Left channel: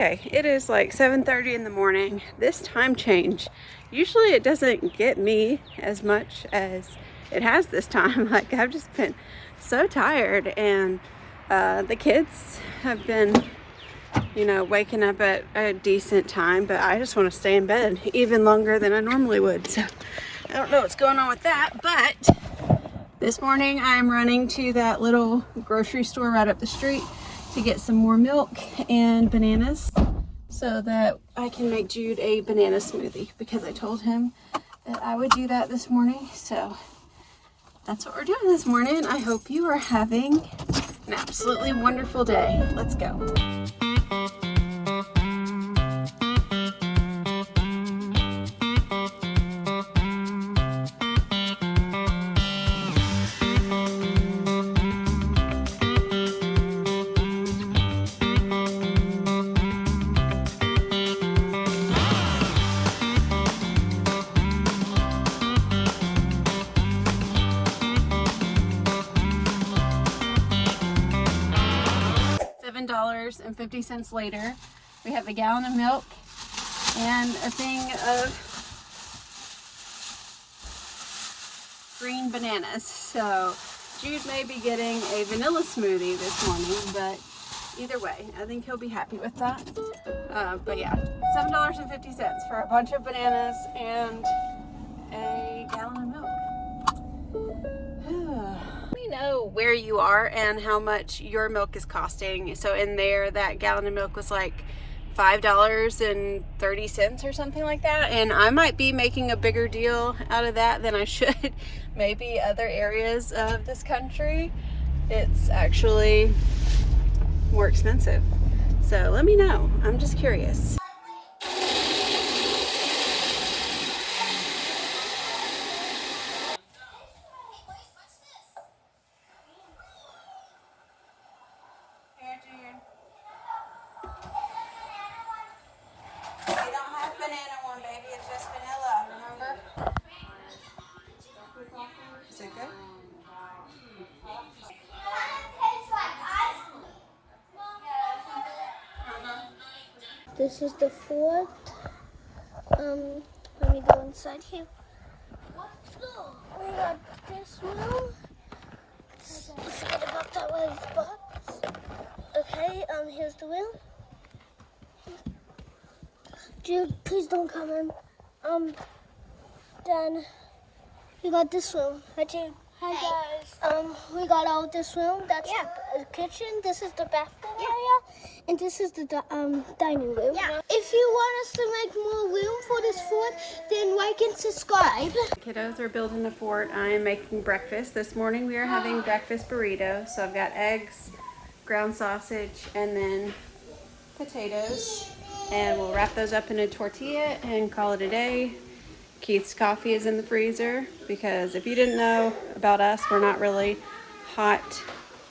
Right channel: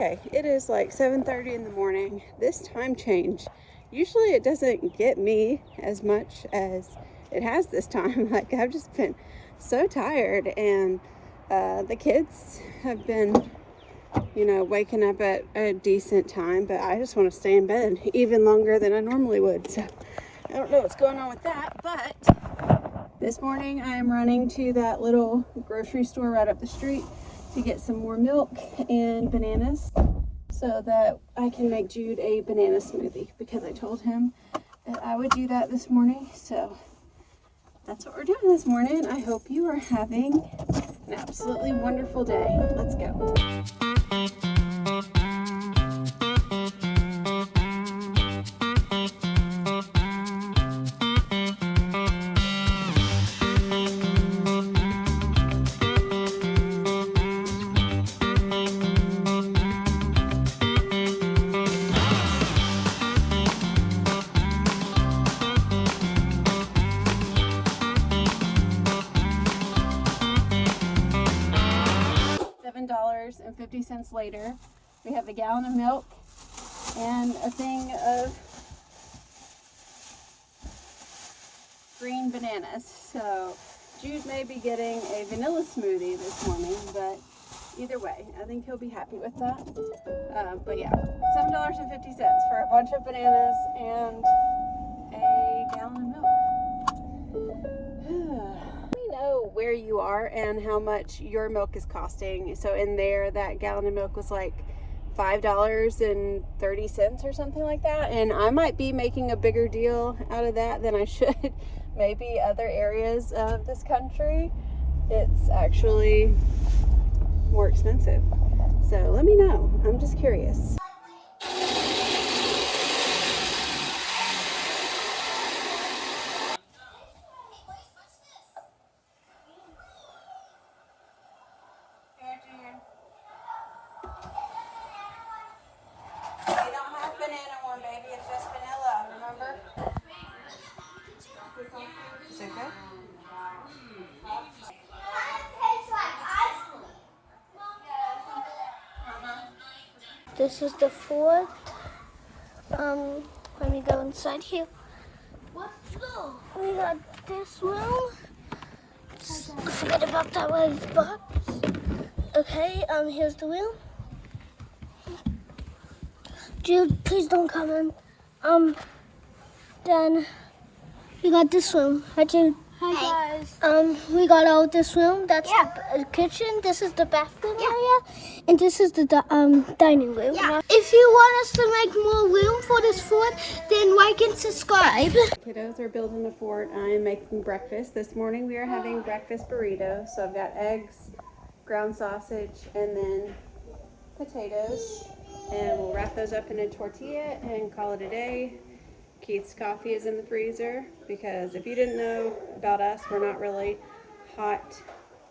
Okay, it is like 7:30 in the morning. This time change, usually it doesn't get me as much as it has this time. Like, I've just been so tired, and the kids have been, waking up at a decent time, but I just want to stay in bed even longer than I normally would. So I don't know what's going on with that, but this morning I'm running to that little grocery store right up the street to get some more milk and bananas so that I can make Jude a banana smoothie, because I told him that I would do that this morning. So that's what we're doing this morning. I hope you are having an absolutely wonderful day. Let's go. $7.50 later, we have a gallon of milk and a thing of green bananas. So Jude may be getting a vanilla smoothie this morning, but either way, I think he'll be happy with that. But yeah, $7.50 for a bunch of bananas and a gallon of milk. Let me know where you are and how much your milk is costing. So in there, that gallon of milk was like $5.30 or something like that. And I might be making a bigger deal out of that than I should. Maybe other areas of this country, it's actually more expensive. So let me know. I'm just curious. We don't have banana one, baby. It's just vanilla, remember? Is it okay? This is the fourth. Let me go inside here. We got this room. Forget about that one box. Okay, here's the wheel. Jude, please don't come in. Then we got this room. Hi, Jude. Hi guys. We got all this room. That's the kitchen. This is the bathroom area, and this is the dining room. Yeah. If you want us to make more room for this fort, then like and subscribe. Kiddos are building a fort. I am making breakfast. This morning we are having breakfast burritos. So I've got eggs, ground sausage, and then potatoes. And we'll wrap those up in a tortilla and call it a day. Keith's coffee is in the freezer, because if you didn't know about us, we're not really hot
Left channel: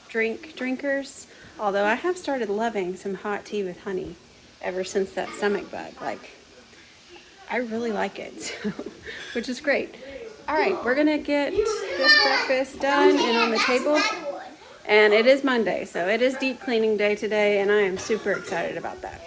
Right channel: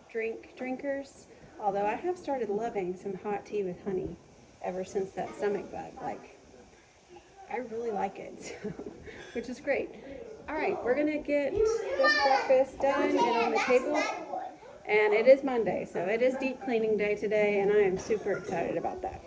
drinkers. Although I have started loving some hot tea with honey ever since that stomach bug. Like, I really like it, which is great. All right, we're gonna get this breakfast done and on the table. And it is Monday, so it is deep cleaning day today, and I am super excited about that.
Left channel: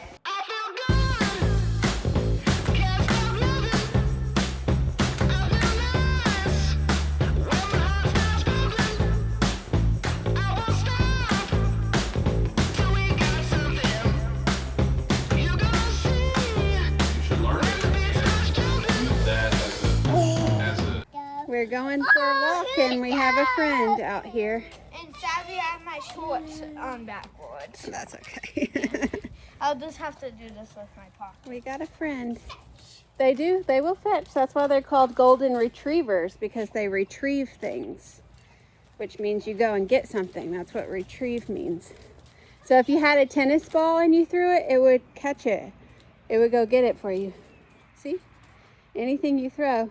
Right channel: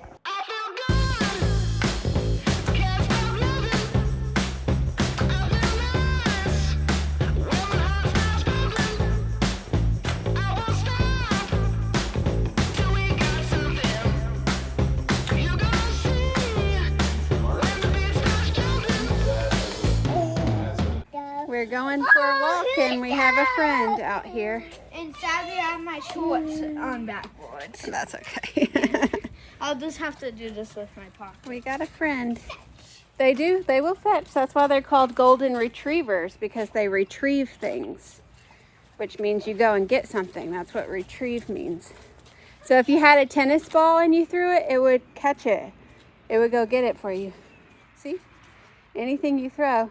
We're going for a walk, and we have a friend out here. And sadly, I have my shorts on backwards. That's okay. I'll just have to do this with my pocket. We got a friend. They will fetch. That's why they're called golden retrievers, because they retrieve things, which means you go and get something. That's what retrieve means. So if you had a tennis ball and you threw it, it would catch it. It would go get it for you. See? Anything you throw.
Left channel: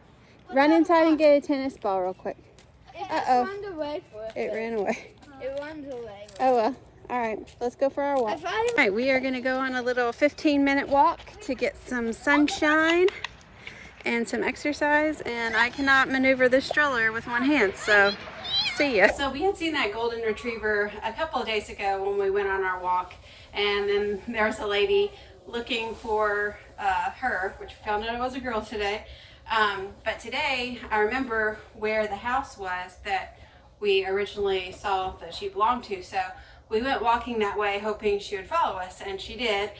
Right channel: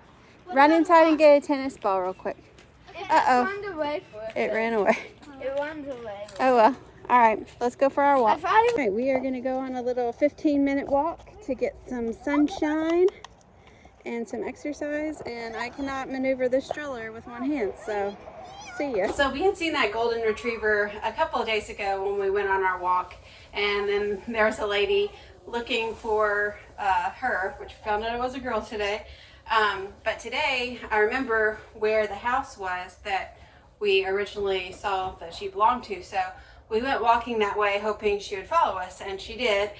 Run inside and get a tennis ball real quick. Uh-oh. It ran away. It runs away. Oh well. All right, let's go for our walk. All right, we are going to go on a little 15-minute walk to get some sunshine and some exercise, and I cannot maneuver this stroller with one hand, so see ya. So we had seen that golden retriever a couple of days ago when we went on our walk, and then there was a lady looking for her, which we found out it was a girl today. But today I remember where the house was that we originally saw that she belonged to. So we went walking that way hoping she would follow us, and she did.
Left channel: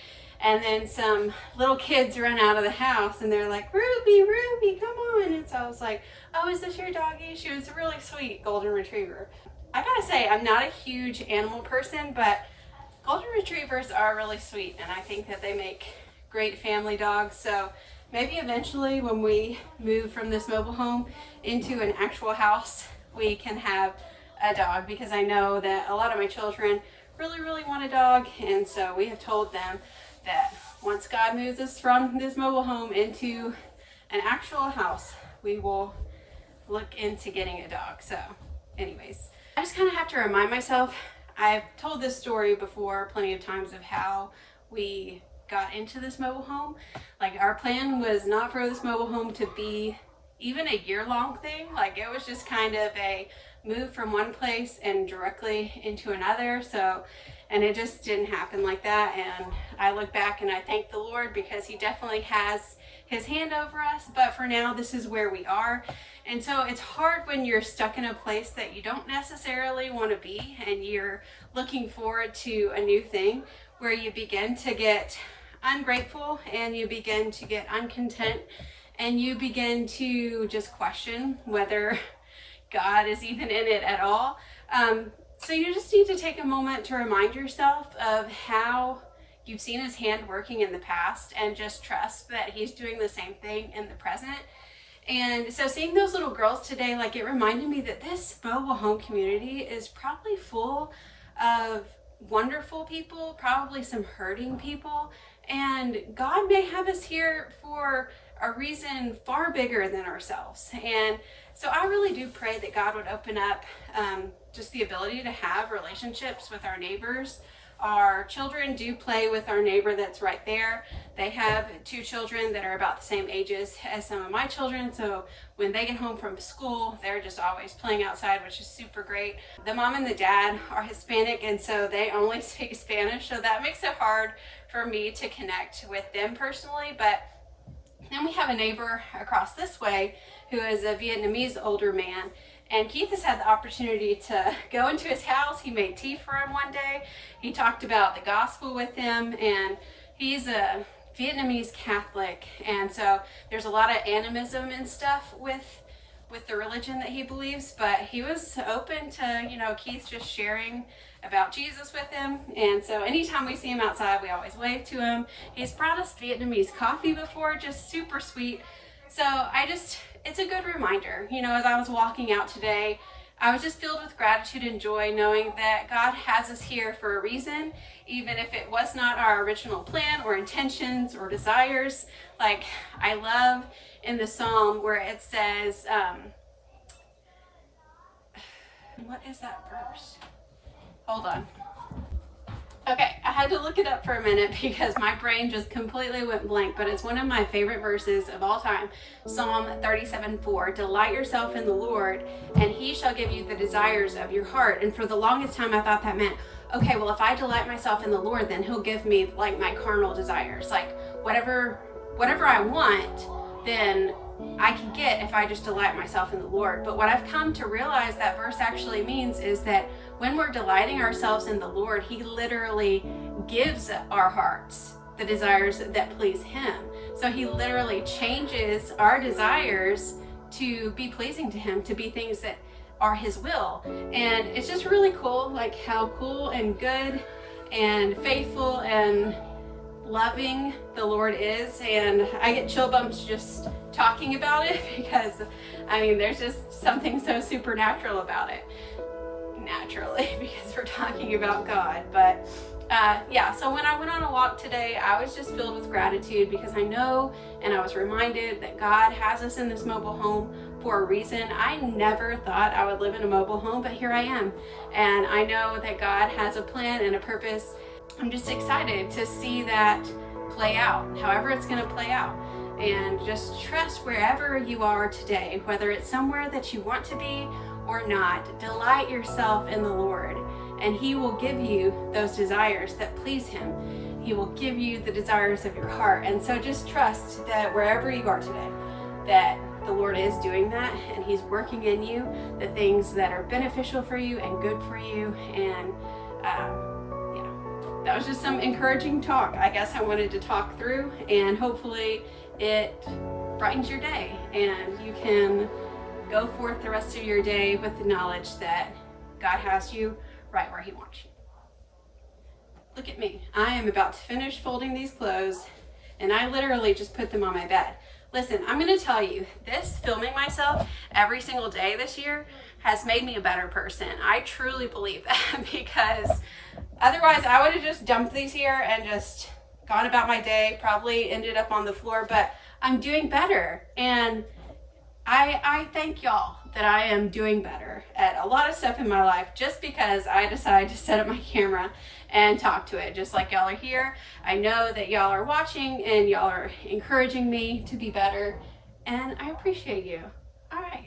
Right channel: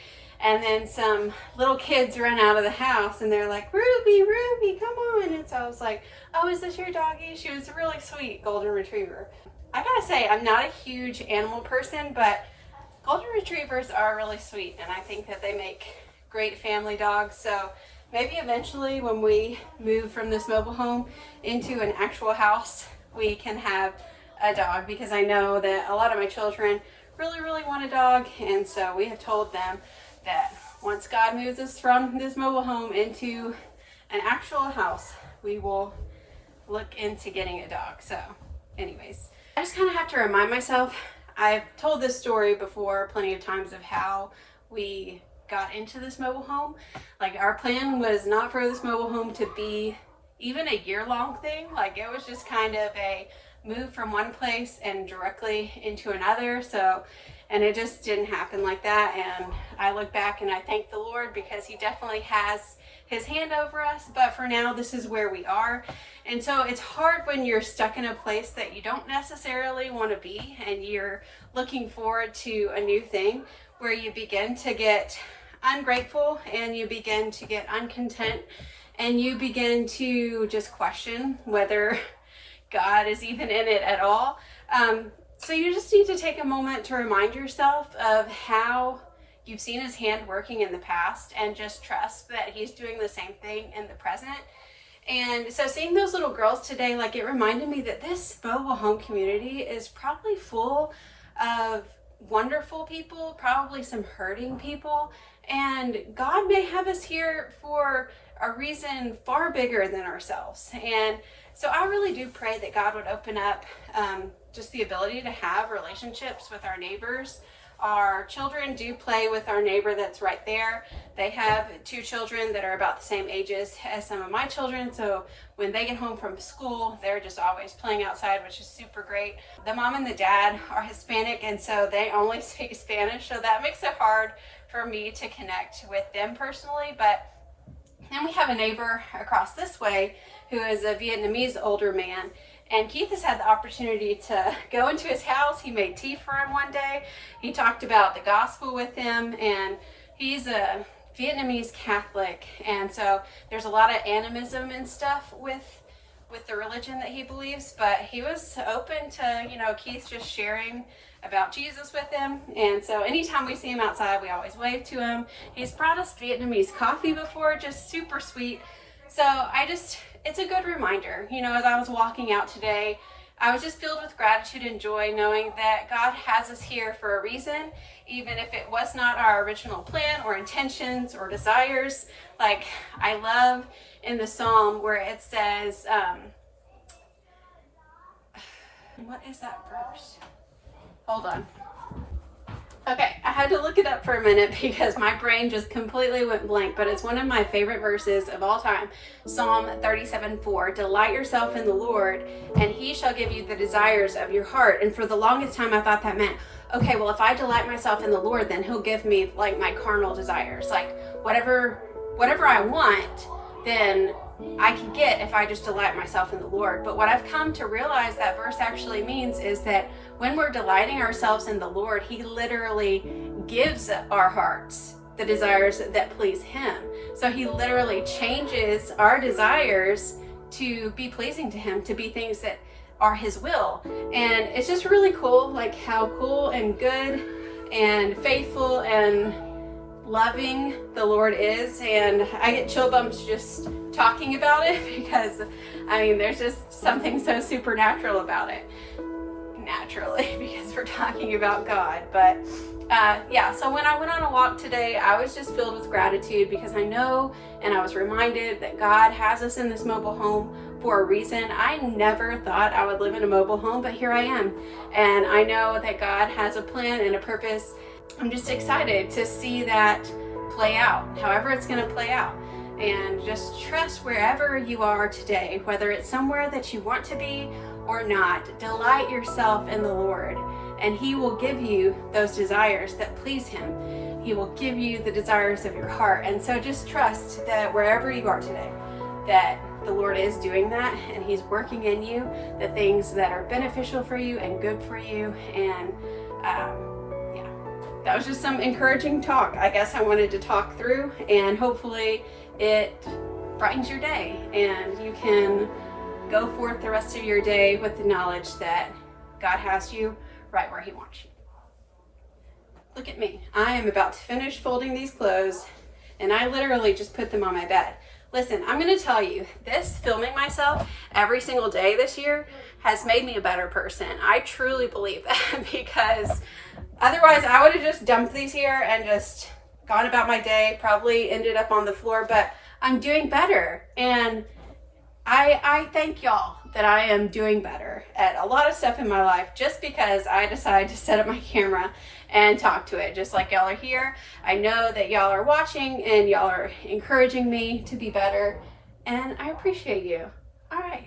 And then some little kids ran out of the house and they're like, Ruby, Ruby, come on. And so I was like, oh, is this your doggy? She was a really sweet golden retriever. I gotta say, I'm not a huge animal person, but golden retrievers are really sweet, and I think that they make great family dogs. So maybe eventually when we move from this mobile home into an actual house, we can have a dog, because I know that a lot of my children really want a dog. And so we have told them that once God moves us from this mobile home into an actual house, we will look into getting a dog. So anyways, I just kind of have to remind myself, I've told this story before plenty of times of how we got into this mobile home. Like, our plan was not for this mobile home to be even a year-long thing. Like, it was just kind of a move from one place and directly into another. So, and it just didn't happen like that. And I look back and I thank the Lord, because he definitely has his hand over us. But for now, this is where we are. And so it's hard when you're stuck in a place that you don't necessarily want to be, and you're looking forward to a new thing, where you begin to get ungrateful and you begin to get uncontent, and you begin to just question whether God is even in it at all. So you just need to take a moment to remind yourself of how you've seen his hand working in the past, and just trust that he's doing the same thing in the present. And so seeing those little girls today, like, it reminded me that this mobile home community is probably full of wonderful people, probably some hurting people, and God may have us here for a reason far bigger than ourselves. And so I really do pray that God would open up just the ability to have relationships with our neighbors. Our children do play with our neighbor that's right there. They have 2 children that are about the same ages as some of my children. So when they get home from school, they're just always playing outside, which is super great. The mom and the dad are Hispanic, and so they only speak Spanish. So that makes it hard for me to connect with them personally. But then we have a neighbor across this way who is a Vietnamese older man. And Keith has had the opportunity to go into his house. He made tea for him one day. He talked about the gospel with him, and he's a Vietnamese Catholic. And so there's a lot of animism and stuff with the religion that he believes, but he was open to, Keith just sharing about Jesus with him. And so anytime we see him outside, we always wave to him. He's brought us Vietnamese coffee before, just super sweet. So it's a good reminder, as I was walking out today, I was just filled with gratitude and joy, knowing that God has us here for a reason, even if it was not our original plan or intentions or desires. Like, I love in the Psalm where it says, what is that verse? Hold on. Okay, I had to look it up for a minute because my brain just completely went blank, but it's one of my favorite verses of all time. Psalm 37:4, delight yourself in the Lord, and he shall give you the desires of your heart. And for the longest time, I thought that meant, okay, well, if I delight myself in the Lord, then he'll give me like my carnal desires, like whatever I want, then I can get if I just delight myself in the Lord. But what I've come to realize that verse actually means is that when we're delighting ourselves in the Lord, he literally gives our hearts the desires that please him. So he literally changes our desires to be pleasing to him, to be things that are his will. And it's just really cool, like how cool and good and faithful and loving the Lord is. And I get chill bumps just talking about it because there's just something so supernatural about it, naturally, because we're talking about God. But so when I went on a walk today, I was just filled with gratitude because I know, and I was reminded that God has us in this mobile home for a reason. I never thought I would live in a mobile home, but here I am, and I know that God has a plan and a purpose. I'm just excited to see that play out, however it's going to play out. And just trust wherever you are today, whether it's somewhere that you want to be or not. Delight yourself in the Lord, and he will give you those desires that please him. He will give you the desires of your heart. And so just trust that wherever you are today, that the Lord is doing that, and He's working in you the things that are beneficial for you and good for you. And that was just some encouraging talk. I guess I wanted to talk through, and hopefully it brightens your day and you can go forth the rest of your day with the knowledge that God has you right where He wants you. Look at me. I am about to finish folding these clothes, and I literally just put them on my bed. Listen, I'm going to tell you, this filming myself every single day this year has made me a better person. I truly believe that, because otherwise I would have just dumped these here and just gone about my day, probably ended up on the floor, but I'm doing better. And I thank y'all that I am doing better at a lot of stuff in my life just because I decided to set up my camera and talk to it. Just like y'all are here, I know that y'all are watching and y'all are encouraging me to be better, and I appreciate you. All right.